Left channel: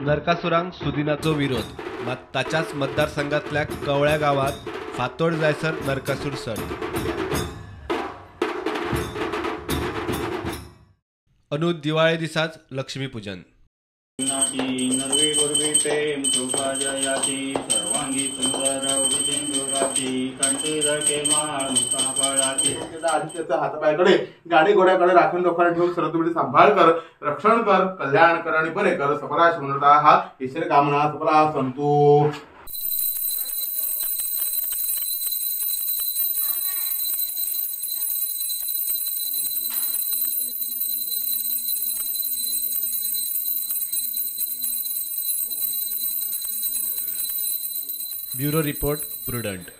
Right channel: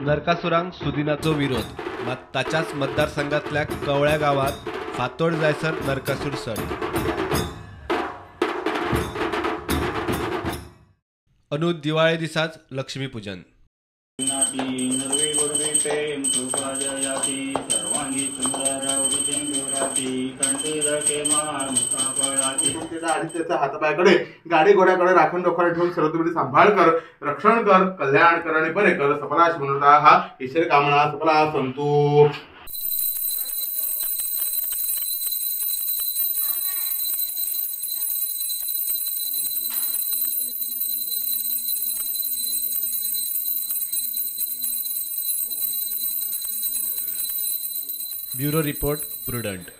नरकासुरांक सुदिनाचो विरोध मात ताच्याच मतदारसंघातल्या कवळ्या गावात फातोड जायसर नरकासूर सण। अनु दिवाळे दिसाच लक्ष्मीपूजन। सर्वांगी सुंदर हातापायाकडे गाडी घोड्याकडे राखण डोक्यावर ठेवून सरस्वती सांभाळ कर, रक्षण कर, कल्याण कर आणि बरे कर, सफलाश म्हणता हा ईश्वर कामना सफला संतू। Bureau report prudent.